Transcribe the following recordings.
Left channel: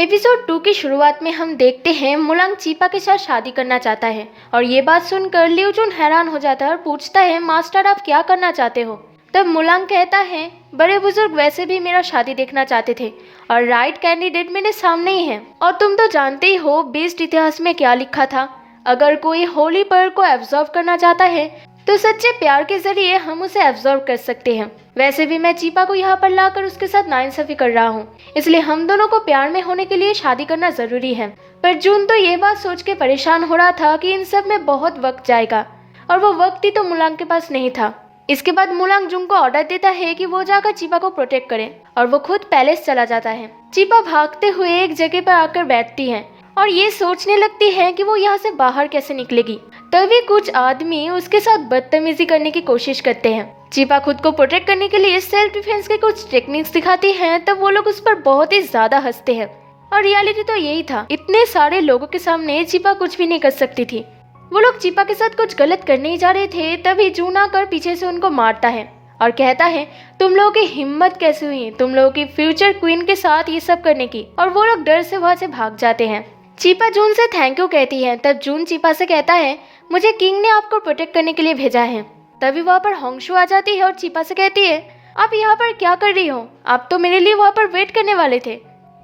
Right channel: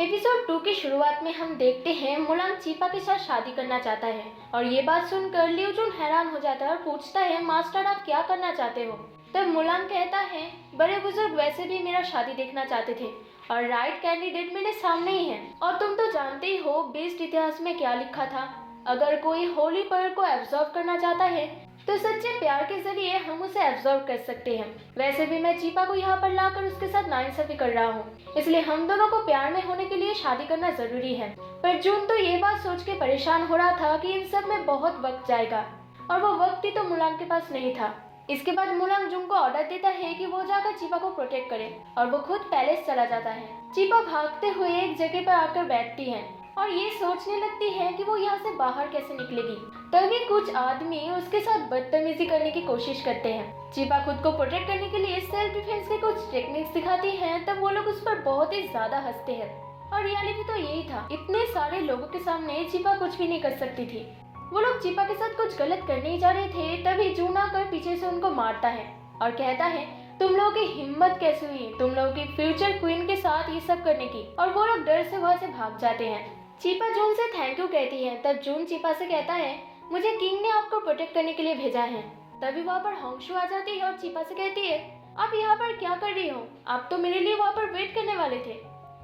Episode 2 की शुरुआत में हम देखते हैं मुलांग चीपा के साथ शादी करना चाहता है और ये बात सुनकर लिu जुन हैरान हो जाता है और पूछता है, मास्टर आप क्या करना चाहते हो? तब मुलांग कहता है, बड़े बुजुर्ग वैसे भी मेरा शादी देखना चाहते थे और राइट कैंडिडेट मेरे सामने ही है। और तुम तो जानते ही हो बीस्ट इतिहास में क्या लिखा था, अगर कोई होली पर्ल को एब्जॉर्व करना चाहता है तो सच्चे प्यार के जरिए हम उसे एब्जॉर्व कर सकते हैं। वैसे भी मैं चीपा को यहाँ पर लाकर उसके साथ नाइंसाफी कर रहा हूँ, इसलिए हम दोनों को प्यार में होने के लिए शादी करना जरूरी है। पर जून तो ये बात सोच के परेशान हो रहा था कि इन सब में बहुत वक्त जाएगा और वो वक्त ही तो मुलांग के पास नहीं था। इसके बाद मुलांग जून को ऑर्डर देता है कि वो जाकर चीपा को प्रोटेक्ट करे और वो खुद पैलेस चला जाता है। चीपा भागते हुए एक जगह पर आकर बैठती है और ये सोचने लगती है कि वो यहाँ से बाहर कैसे निकलेगी। तभी कुछ आदमी उसके साथ बदतमीजी करने की कोशिश करते हैं। चीपा खुद को प्रोटेक्ट करने के लिए सेल्फ डिफेंस के कुछ टेक्निक्स दिखाती हैं, तब वो लोग उस पर बहुत ही ज्यादा हंसते हैं। और रियलिटी तो यही था, इतने सारे लोगों के सामने चीपा कुछ भी नहीं कर सकती थी। वो लोग चीपा के साथ कुछ गलत करने ही जा रहे थे, तभी जून आकर पीछे से उनको मारता है और कहता है, तुम लोगों की हिम्मत कैसे हुई तुम लोगों की फ्यूचर क्वीन के साथ ये सब करने की। और वो लोग डर से वहाँ से भाग जाते हैं। चीपा जून से थैंक यू कहती है। तब जून चीपा से कहता है, मुझे किंग ने आपको प्रोटेक्ट करने के लिए भेजा है। तभी वहाँ पर होंगशू आ जाती है और चीपा से कहती है, आप यहाँ पर क्या कर रही हो? आप तो मेरे लिए वहाँ पर वेट करने वाले थे।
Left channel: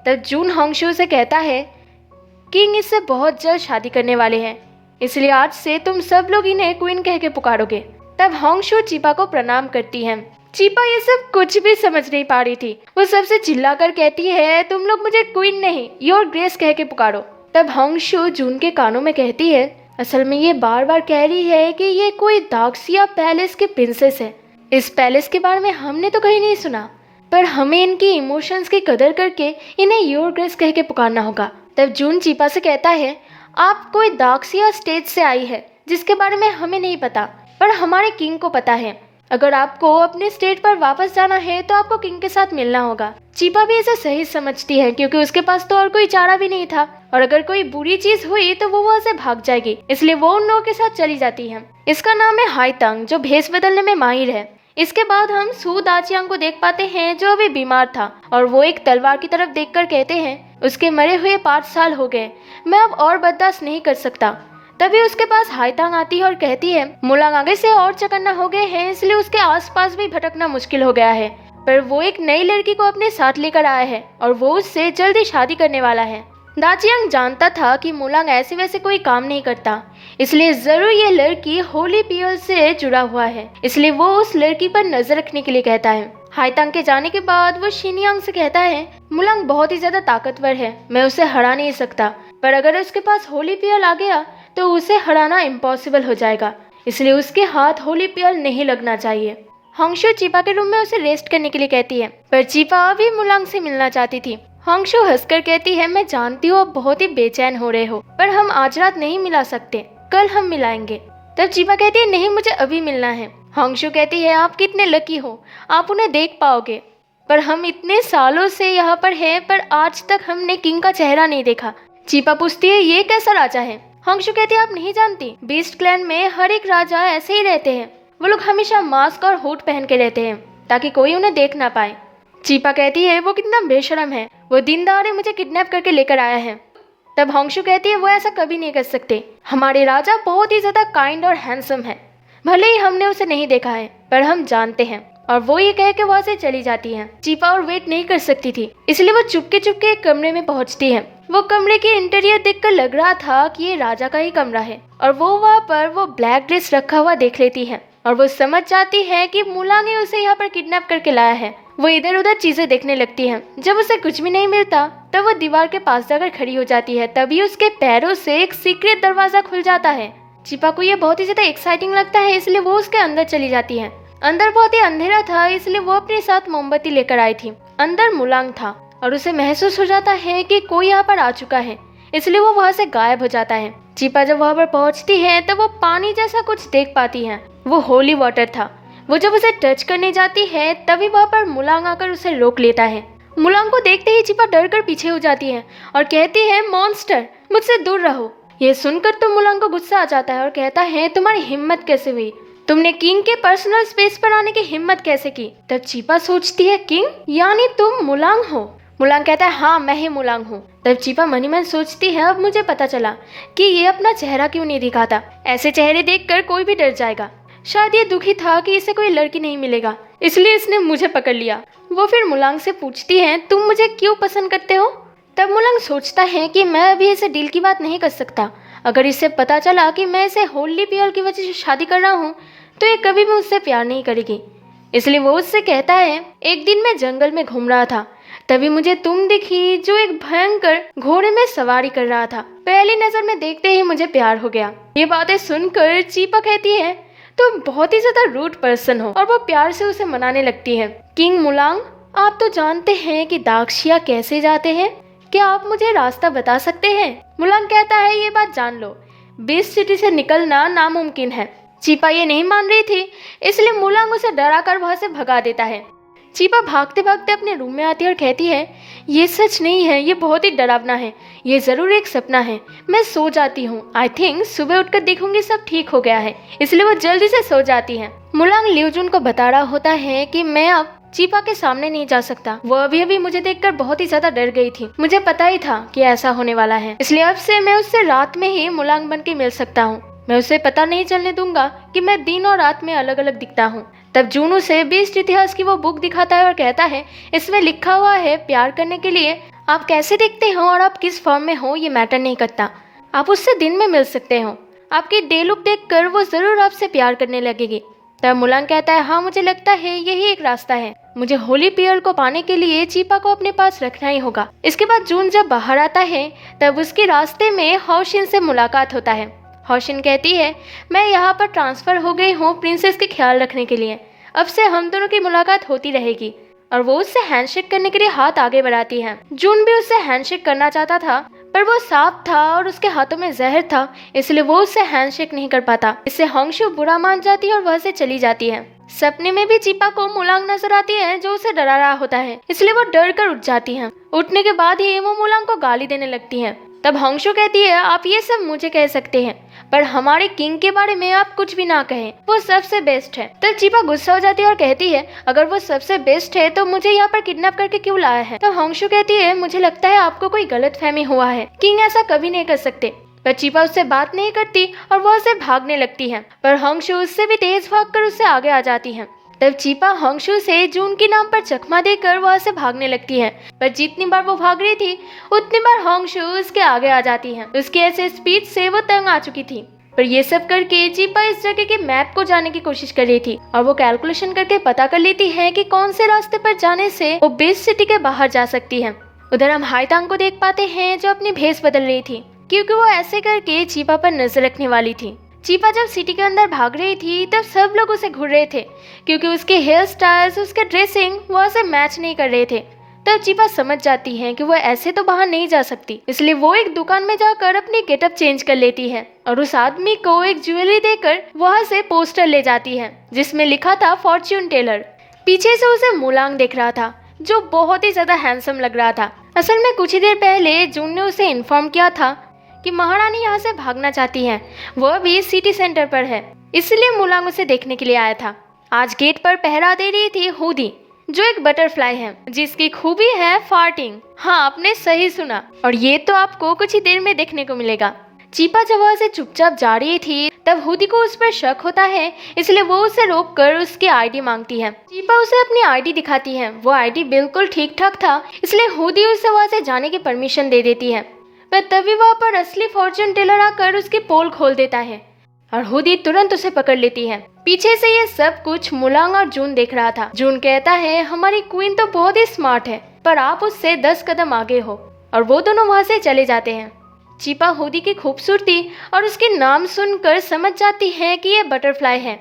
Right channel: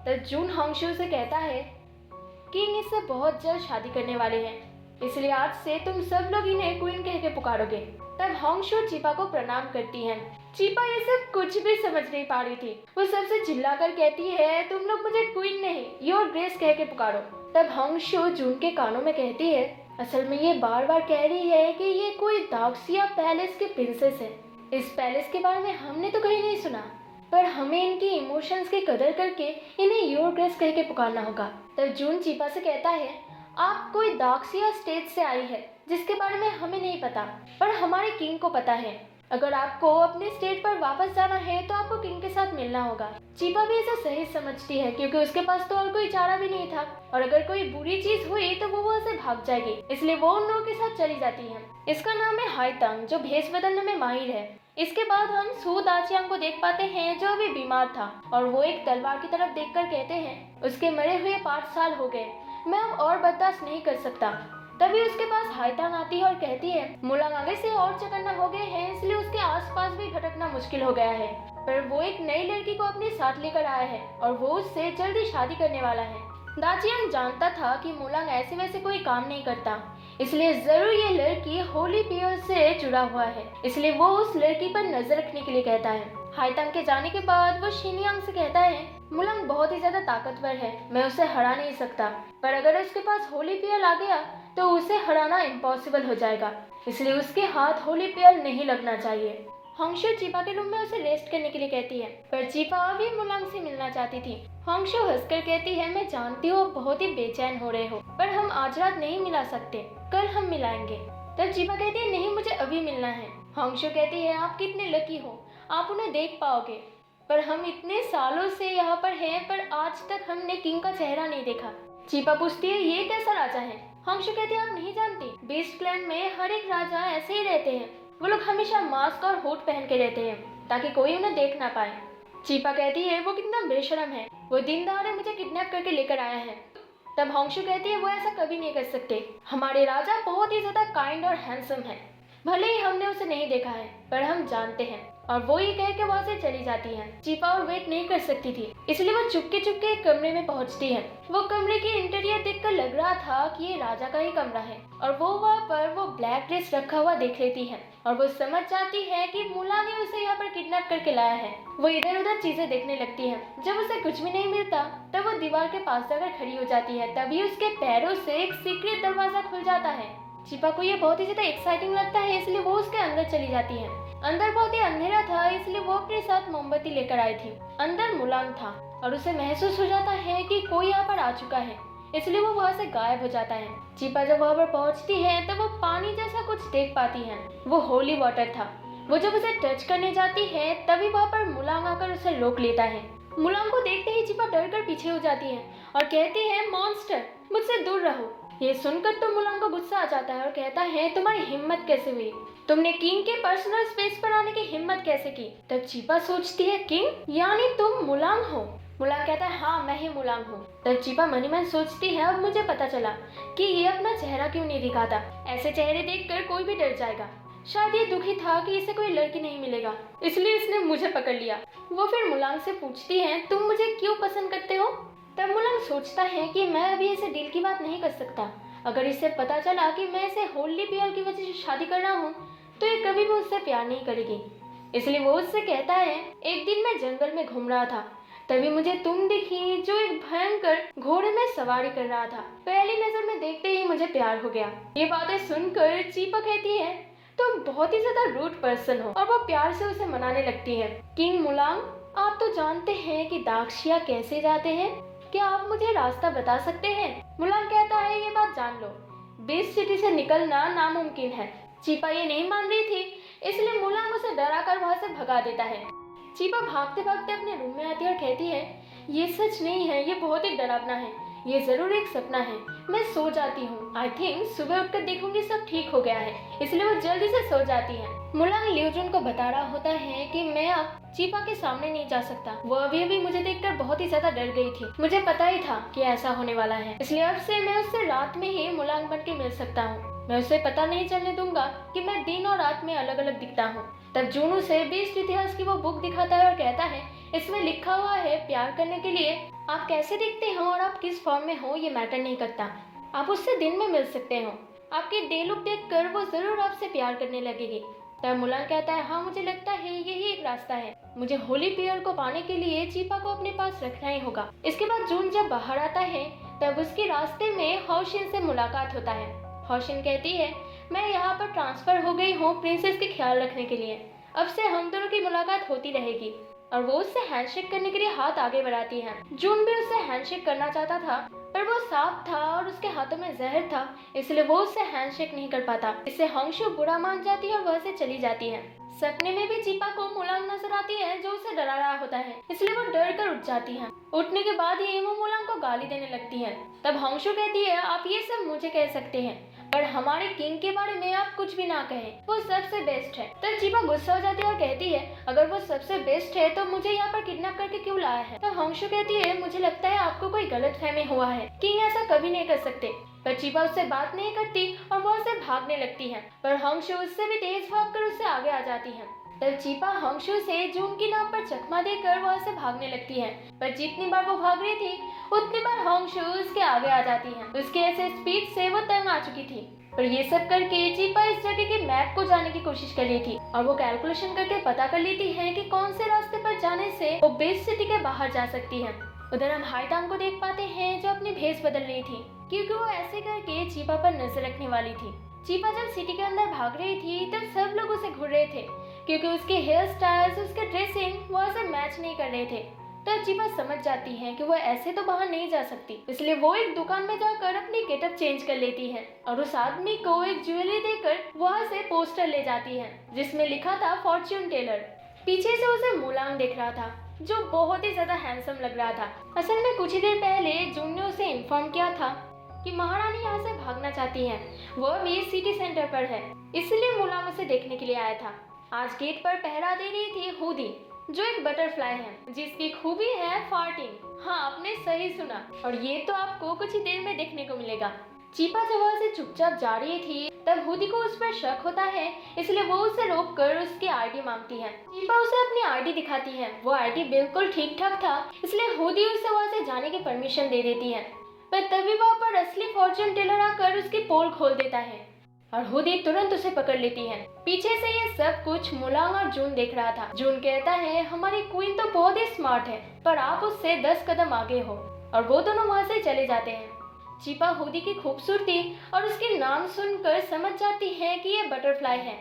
तब जून होंगशू से कहता है, किंग इससे बहुत जल्द शादी करने वाले हैं, इसलिए आज से तुम सब लोग इन्हें क्वीन कह के पुकारोगे। तब होंगशू चीपा को प्रणाम करती है। चीपा ये सब कुछ भी समझ नहीं पा रही थी। वो सबसे चिल्लाकर कहती है, तुम लोग मुझे क्वीन नहीं योर ग्रेस कह के पुकारो। तब होंगशू जून के कानों में कहती है, असल में ये बार बार कह रही है कि ये कोई दाक्सिया पैलेस की प्रिंसेस है। इस पैलेस के बारे में हमने तो कहीं नहीं सुना, पर हमें इनकी इमोशंस की कदर करके इन्हें योर ग्रेस कह के पुकारना होगा। तब जून चीपा से कहता है, आप कोई दाक्सिया स्टेट से आई है जिसके बारे में हमें नहीं पता, पर हमारे किंग को पता है। अगर आपको अपने स्टेट पर वापस जाना है तो आपको किंग के साथ मिलना होगा। चीपा भी इसे सही समझती है क्योंकि उसके पास तो और कोई चारा भी नहीं था और अगर कोई बुरी चीज हुई तो वो वहाँ से भाग जाएगी, इसलिए वो उन लोगों के साथ चली जाती है। इसका नाम है हाईतांग, जो भेष बदलने में माहिर है। इसके बाद हम सू दाचियांग को देख पाते हैं जो अभी बीमार था और वो एक तलवार की तरफ देखकर कहते हैं, उसके मरे हुए 5 साल हो गए, मैं अब और बर्दाश्त नहीं कर सकता। तभी उसके पास हाईतांग आती है और कहती है, मुलांग आगे से और चकन्ना हो गए हैं, इसलिए उसके आसपास भी भटकना मुश्किल हो गया है, पर वो एक नई लड़की को अपने साथ लेकर आया है और वो उससे जल्दी शादी करने वाला है। दाचियांग जानता था कि मुलांग ऐसे वैसे कोई काम नहीं करता, इसलिए जरूर ये लड़की होली पियल से जुड़ा हुआ है, इसलिए वो उस लड़की पर नजर रखने के लिए कहता है। हाईतांग के जाने के बाद वो शिनयांग से कहता है, मुलांग बहुत ही ज्यादा ताकतवर है, मैं उसे हरा नहीं सकता, पर अगर उसके पास होली पियल आ गया तो उसे हराना इम्पॉसिबल हो जाएगा, इसलिए उसके हाथ होली पियल नहीं लगना चाहिए। होंगशू चीपा के रूम में उसे रेस्ट करने के लिए कहती है, पर चीपा अभी मुलांग से मिलना चाहती थी। होंगशू हंसकर कहती है, मैं जानती हूँ आप बहुत ही बेचैन हो रहे हो, पर हम आज रात नहीं मिला सकते, कल हम मिलाएंगे। तब चीपा कहती है, नहीं मुझे अभी मिलना है। होंगशू कहती है, आप कितने लकी हो, आप उन्हें देख पाओगे, पर हम इतने सालों से यहाँ पर हैं, पर आज तक हमने किंग का चेहरा नहीं देखा। चीपा पूछती है, ये कैसा राजा है? होंगशू कहती है, आप नहीं जानती, बीस्ट क्लैन में हर एक राजा ऐसे ही रहते हैं, वो लोग हमेशा मास्क और हुड पहन के रहते हैं ताकि कोई उन्हें देख ना पाए। चीपा कहती है, वो कितना बेशरम है, वो दिन दहाड़े मुझे किडनैप करके लेकर आया है। तब होंगशू कहती है, वो ऐसा कभी नहीं कर सकते, हमारे राजा बहुत ही ज्यादा काइंड और हैंडसम है, भले ही हमने उसे नहीं देखा है पर हम जानते हैं। और वो ये कह के वहाँ से चली जाती है। चीपा और वेट नहीं कर सकती थी, इसलिए वो चुपके चुपके एक कमरे में पहुँचती है। वो कमरे के इंटीरियर देखकर लग रहा था कि ये राजा का ही कमरा है और वो वहाँ पर वो ब्लैक ड्रेस रखा हुआ देख लेती है और वो समझ जाती है कि मुलांग ने उसे यहाँ पर किडनैप करके लाया है। वो इधर उधर चीजें देखने लगती है। जब उसे कुछ भी नहीं मिलता तब वो दीवार के पास जाकर खड़ी हो जाती है। तभी उसके पैरों से एक सीक्रेट दरवाजा खुल जाता है। चीपा को ये बहुत ही ज्यादा एक्साइटिंग लगता है, इसलिए वो उसके अंदर चली जाती है। अंदर बहुत ही अंधेरा था, इसलिए वो अपने साथ मोमबत्ती लेकर आई थी। अंदर मुलांग था और उसे महसूस हो जाता है कि कोई यहाँ पर आ चुका है, इसलिए वो वहाँ से गायब हो जाता है। चीपा जब वहाँ पर पहुँचती है तब वो पानी जैसा कुछ देख पाती है। वो होली वाटर था। वो जब उसे टच करने जाती है तभी वहाँ पर मुलांग आकर उसे रोक लेता है। मुलांग को देखते ही चीपा डर कर पीछे हो जाती है और कहती है, मॉन्स्टर, मुझसे दूर रहो। ये सुनकर तो मुलांग को गुस्सा आ जाता है और कहता है, तुम्हारी हिम्मत कैसे हुई, तुमने किंग के पर्सनल स्पेस पर आने की हिम्मत कैसे की? तब चीपा सोचती है, किंग यानी तुम मुलांग हो? मुलांग कहता है हाँ मैं ही मुलांग हूँ। तब चीपा मनी मन सोचती है अब मुझे पता चला कि ये अपना चेहरा क्यों नहीं दिखाता, ऐसे चेहरे देखकर कोई भी डर जाएगा। शायद ये दुखी था कि इसे कोई लड़की नहीं मिलेगा, इसलिए इसने मुझे पकड़ लिया। वो फिर मुलांग से पूछती है तुम मुझे क्यों पसंद करते हो। तब मुलांग सोचता है कि मैं अभी इसे डील की बात नहीं कर सकता। अगर इसे पता चला कि मैं इसे होली पियर की वजह से शादी कर रहा हूँ तो ये कभी भी मुझसे प्यार नहीं करेगी। इसलिए वो उससे कहता है एक दिन मैं जंगल में घूम रहा था, तभी मुझे तुम दिखी जो एक भयंकर घोड़े में सवारी कर रहा था। पहली नजर में देखते ही मुझे प्यार हो गया। ये बातें सुनकर चीपा कहती है तुम बहुत ही ज्यादा रूड पर्सन हो, और वो प्यार से उसे मनाने लगती है। किंग मुलांग, आप तो जानते हैं कि दाक्षिया कैसे जाते हैं, क्या आप मुझे रास्ता बता सकते हैं। मुलांग कहता है ये बात जान लो, बीस्ट सिटी से निकलना नामुमकिन है। चीपा ये नहीं मान रही थी, इसलिए मुलांग उसे डराकर वहां से भगा देता है। चीपा भागते भागते अपने रूम में आती है और कहती है ये सच नहीं है, ये बहुत ही डरावना है, ये जरूर एक सपना है। मैं सो जाती हूँ, आई थिंक सुबह उठकर देखूंगी सब ठीक हो गया है। इसलिए वो जल्दी से सो जाती है। मुलांग लियूजुन को बता रहा होता है कि मैं अब चीपा के सामने नहीं जा सकता। वो अभी मुझे देखकर बहुत ही ज्यादा डर गई थी। मुझे पता ही था कि ऐसा होने वाला है, इसलिए अब से मैं उससे रात में ही मुलांग बन के मिल सकता हूँ। मैं उसे पता नहीं चलने दूंगा कि मैं दिन और रात में अलग अलग दिखता हूँ। तब जून उसे बीस्ट इतिहास की वो बुक दिखाता है और कहता है इसमें लिखा हुआ है प्यार करने के लिए आप कैसे दिखते हो और आप किस फॉर्म में हो ये मैटर नहीं करता। आप उससे दिन में मिल सकते हो। आपकी डे लुक देखकर वो जरूर आपसे प्यार करने लगेगी। तब मुलांग कहता है हाँ मुझे लगता है यही एक रास्ता है। मुझे होली पियर को पाने के लिए चीपा को अपने पास रखना ही होगा। इसके बाद जून जब बाहर आता है तब उसके रास्ते में हौशिन से मुलाकात होता है। हौशिन कहती है मैं यहाँ पर ट्रांसफर हो गई हूँ प्रिंसेस के ख्याल रखने के लिए। अब से हम दोनों की मुलाकात होती रहेगी। और वो उससे हैंडशेक करने के लिए हाथ आगे बढ़ाती है। जून भी उससे हैंडशेक करना चाहता था पर वो सांप था और उसके हाथों में जहर था, इसलिए वो उससे हैंडशेक नहीं कर पाता। इससे होंगशु बुरा मान जाती है और वह से चली जाती है। सपने में भी चीपा को मुलांग नजर आती है जो उसे डरा रहा होता है, इसलिए वो डर कर उठ जाती है। उठने के बाद ही वो मुलांग को गाली देने लगती है। तब होंगशु कहती है आप ये सब मुझे कह सकते हैं पर हमारे किंग के बारे में आप कुछ भी ना कहें, वो सबसे बेस्ट है। तब चीपा गुस्सा हो जाती है और कहती है अगर वो सबसे बेस्ट है तो मुझे यहाँ पर किडनैप करके क्यों लाया है। तो होंगशु कहती है मुझे लगता है आपको कोई गलतफहमी हुआ है, किंग ऐसा कभी नहीं कर सकते। पर चीपा उससे बात नहीं करती और वो उससे भागने लगती है, पर होंगशु उससे भी तेज भागकर उससे आगे आ जाती है। तब चीपा होंगशु से जून के नाम पर चकमा देकर वहां से भागने लगती है, पर जितनी बार वो भाग रही थी उतनी बार होंगशु उसके आगे आ जाती है। उसके ऐसे स्पीड से वो तंग आ चुकी थी। पर ये सब करके चीपा इस जगह के मैप को जाने की कोशिश कर रही थी और वो कैलकुलेशन करके पता कर लेती है कि कौन से रास्ते पर जाने से वो बीस्ट सिटी के बाहर जा सकती है। उधर हम हाईतांग को देख पाते हैं जो अपनी भेस बदल रही थी, क्योंकि वो ऐसे करके चीपा पर नजर रखने वाली थी। चीपा जब सिटी के अंदर भाग रही थी तब सब लोग उसे घूर रहे थे, क्योंकि उसके हेयर स्टाइल्स, उसके ड्रेसिंग वह से मैच नहीं कर रहे थे। तब चीपा समझ जाती है कि वो ऐसे तो बाहर नहीं जा सकती, इसलिए वो एक दुकान में जाकर अपनी गेटअप चेंज कर लेती है और उस आदमी को एक ज्वेलरी देकर वहां से पोस्टर ले जाती है जिसमें लिखा था फॉर्च्यून टेलर। पीछे से उसे मुलांग देख रहा था जो बहुत ही ज्यादा हैंडसम लग रहा था। असल में कुछ ही देर पहले जून ने उसे इन्फॉर्म किया था कि महारानी यहाँ से भागना चाहती है, वह भी सिटी सेंटर पर है, इसलिए मुलांग उसे देखने के लिए आया था। आज गेट पर पहरा दे रही थी हुदी, जो एक बटरफ्लाई है जिसकी खूबी है फार्टिंग। हाँ आपने सही सुना, और ये तो आपको कुछ ही देर में देखने को मिलेगा। चीपा जब वहाँ से चुपचाप जा रही थी तब हुदी को उस पर शक होता है, इसलिए वो उसे रोककर उसकी आईडी मांगती है। चीपा उसे अपनी आईडी दिखाती है, वो आईडी बिल्कुल ठीक ठाक था, इसलिए हुदी उसे वहाँ से जाने की परमिशन दे देती है। पर तभी वहाँ पर असली फॉर्च्यून टेलर आकर उसकी पोल खोल देता है और हुदी तुरंत उसे पकड़ लेती है। पीछे से ये सब कुछ मुलांग और जून देख रहा था। जून कहता है हमारी क्वीन तो बहुत ही स्मार्ट है, पर आप उससे 10 कदम आगे हो, और वो दोनों वहाँ से चले जाते हैं। चीपा हुदी की खूबसूरती और उसके नाम सुनकर समझ जाती है कि ये बटरफ्लाई है,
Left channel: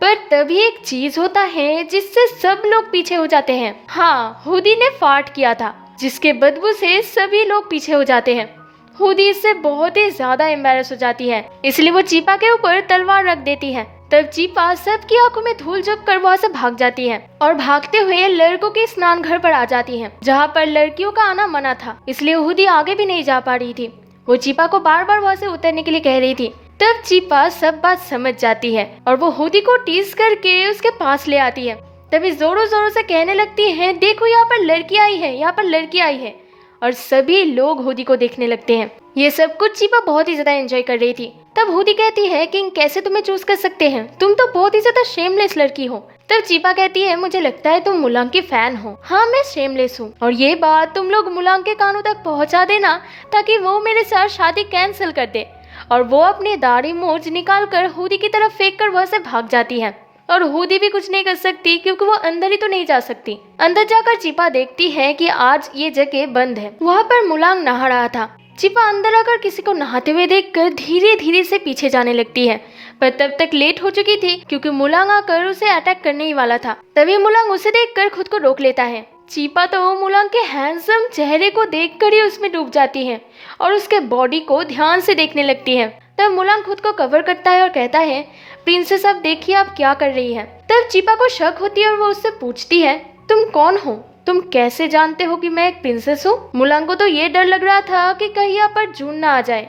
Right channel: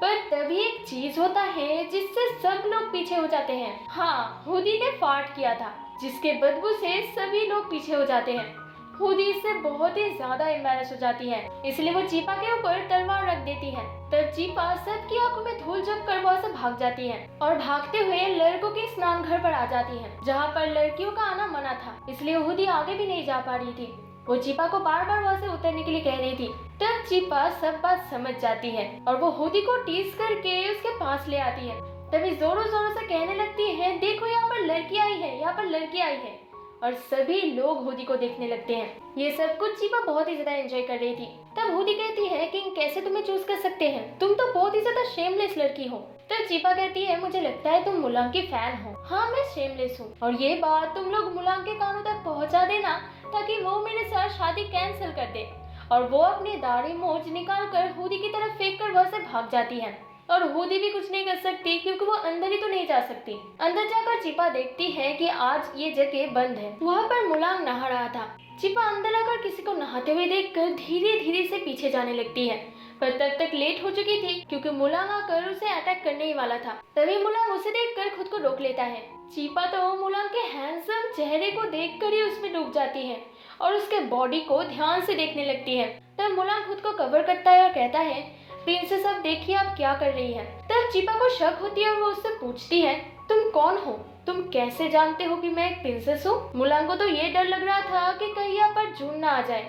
पर तभी एक चीज होता है जिससे सब लोग पीछे हो जाते हैं। हाँ, हुदी ने फार्ट किया था जिसके बदबू से सभी लोग पीछे हो जाते हैं। हुदी इससे बहुत ही ज्यादा एम्बैरेस हो जाती है, इसलिए वो चीपा के ऊपर तलवार रख देती है। तब चीपा सबकी आंखों में धूल झोंक कर वहाँ से भाग जाती है और भागते हुए लड़कों के स्नान घर पर आ जाती है, जहाँ पर लड़कियों का आना मना था, इसलिए हुदी आगे भी नहीं जा पा रही थी। वो चीपा को बार बार वहाँ से उतरने के लिए कह रही थी। तब चीपा सब बात समझ जाती है और वो हुदी को टीज करके उसके पास ले आती है। तभी जोरों जोरों से कहने लगती है, देखो यहाँ पर लड़की आई है, यहाँ पर लड़की आई है। और सभी लोग हुडी को देखने लगते हैं। ये सब कुछ चीपा बहुत ही ज्यादा एंजॉय कर रही थी। तब हुडी कहती है, किंग कैसे तुम्हें चूज कर सकते हैं, तुम तो बहुत ही ज्यादा शेमलेस लड़की हो। तब चीपा कहती है, मुझे लगता है तुम मुलांग की फैन हो। हाँ, मैं शेमलेस हूँ, और ये बात तुम लोग मुलांग के कानों तक पहुँचा देना ताकि वो मेरे साथ शादी कैंसिल कर दे। और वो अपनी दाढ़ी मूंछ निकाल कर हुडी की तरफ फेंक कर वहाँ से भाग जाती है। और हुडी भी कुछ नहीं कर सकती क्योंकि वो अंदर ही तो नहीं जा सकती। अंदर जाकर चीपा देखती है कि आज ये जगह बंद है। वहाँ पर मुलांग नहा रहा था। चीपा अंदर आकर किसी को नहाते हुए देखकर धीरे धीरे से पीछे जाने लगती है, पर तब तक लेट हो चुकी थी क्योंकि मुलांग आकर उसे अटैक करने ही वाला था। तभी मुलांग उसे देखकर खुद को रोक लेता है। चीपा तो वो मुलांग के हैंडसम चेहरे को देखकर ही उसमें डूब जाती है और उसके बॉडी को ध्यान से देखने लगती है। तब मुलांग खुद को कवर करता है और कहता है, प्रिंसेस अब देखिए आप क्या कर रही है। तब चीपा को शक होती है और वो उससे पूछती है, तुम कौन हो, तुम कैसे जानते हो कि मैं एक प्रिंसेस हूँ। मुलांग को तो ये डर लग रहा था कि कहीं यहाँ पर जून ना आ जाए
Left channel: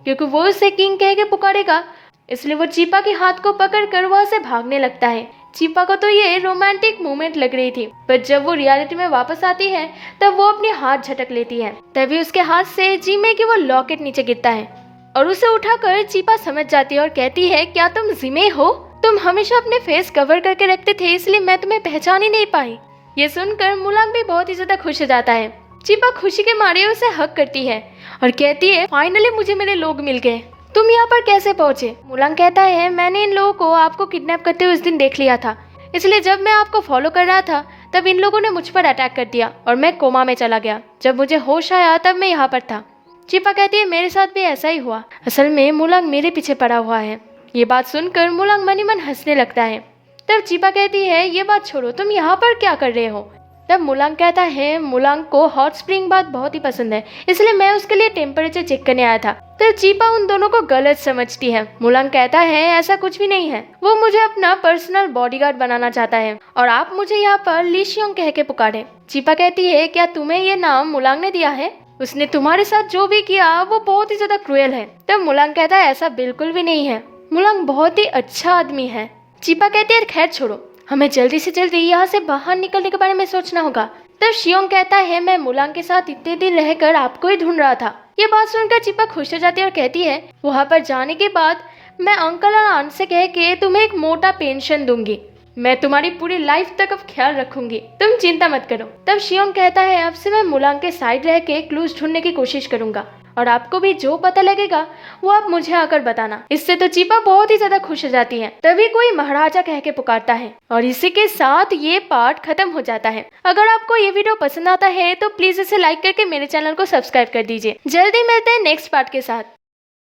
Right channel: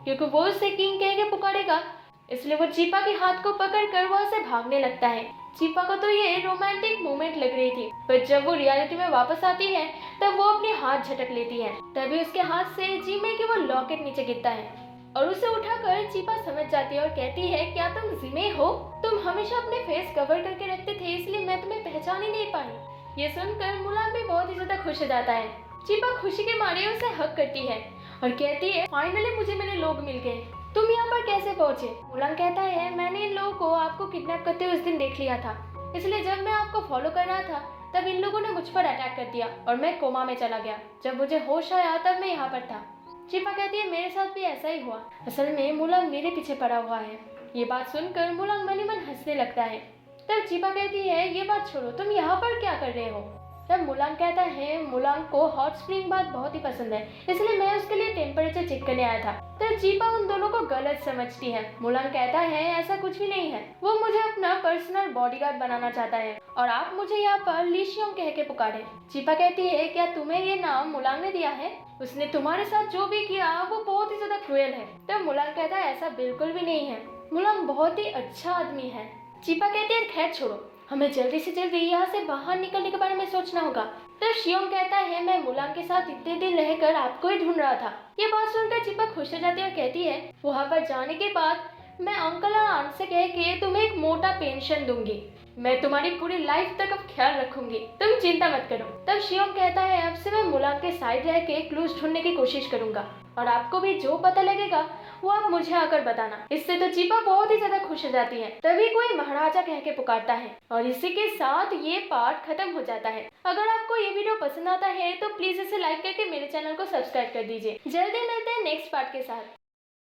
क्योंकि वो उसे किंग कह के पुकारेगा, इसलिए वो चीपा के हाथ को पकड़ कर वहाँ से भागने लगता है। चीपा को तो ये रोमांटिक मोमेंट लग रही थी, पर जब वो रियलिटी में वापस आती है तब वो अपने हाथ झटक लेती है। तभी उसके हाथ से जीमे की वो लॉकेट नीचे गिरता है और उसे उठाकर चीपा समझ जाती है और कहती है, क्या तुम जिमे हो? तुम हमेशा अपने फेस कवर करके रखते थे इसलिए मैं तुम्हें पहचान ही नहीं पाई। ये सुनकर मुलांग भी बहुत ही ज्यादा खुश हो जाता है। चीपा खुशी के मारे उसे हक करती है और कहती है, फाइनली मुझे मेरे लोग मिल गए, तुम यहाँ पर कैसे पहुँचे? मुलांग कहता है, मैंने इन लोगों को आपको किडनैप करते हुए उस दिन देख लिया था, इसलिए जब मैं आपको फॉलो कर रहा था तब इन लोगों ने मुझ पर अटैक कर दिया और मैं कोमा में चला गया। जब मुझे होश आया तब मैं यहाँ पर था। चीपा कहती है, मेरे साथ भी ऐसा ही हुआ, असल में मुलांग मेरे पीछे पड़ा हुआ है। ये बात सुनकर मुलांग मन ही मन हंसने लगता है। तब चीपा कहती है, ये बात छोड़ो, तुम यहाँ पर क्या कर रहे हो? तब मुलांग कहता है, मुलांग को हॉट स्प्रिंग बात बहुत ही पसंद है, इसलिए मैं उसके लिए टेम्परेचर चेक करने आया था। तब चीपा उन दोनों को गलत समझती है। मुलांग कहता है, ऐसा कुछ भी नहीं है, वो मुझे अपना पर्सनल बॉडीगार्ड बनाना चाहता है और आप मुझे यहाँ पर लीशियोंग कह के पुकारे। चीपा कहती है, क्या तुम्हें ये नाम मुलांग ने दिया है? उसने तुम्हारे साथ जो भी किया वो बहुत ही ज्यादा क्रूएल है। तब मुलांग कहता है, ऐसा बिल्कुल भी नहीं है, मुलांग बहुत ही अच्छा आदमी है। चीपा कहती है, खैर छोड़ो, हमें जल्दी से जल्दी यहाँ से बाहर निकलने के बारे में सोचना होगा। तब शियोंग कहता है, मैं मुलांग के साथ इतने दिन रहकर आपको ही ढूंढ रहा था। ये बात सुनकर चीपा खुश हो जाती है और कहती है, वहाँ पर जाने के बाद मैं अंकल और आंट से कह के तुम्हें एक मोटा पेंशन दूंगी, मैं तुम्हारी पूरी लाइफ तक अब ख्याल रखूंगी, तुम चिंता मत करो। तब शियोंग कहता है, अब से मैं मुलांग के साइड रह के क्लूज ढूंढने की कोशिश करूंगा और आपको भी जो पता लगेगा वो आप मुझे आकर बताना। इससे तो चीपा बहुत ही ज्यादा खुश हो जाती है। तभी कोई महाराजा कह के पुकारता है और इसी के साथ ये पार्ट खत्म हो जाता है। अगर आपको ये वीडियो पसंद आता है तो प्लीज इसे लाइक करके मेरे चैनल को सब्सक्राइब कर दीजिए। जल्दी मिलते हैं नेक्स्ट पार्ट के साथ।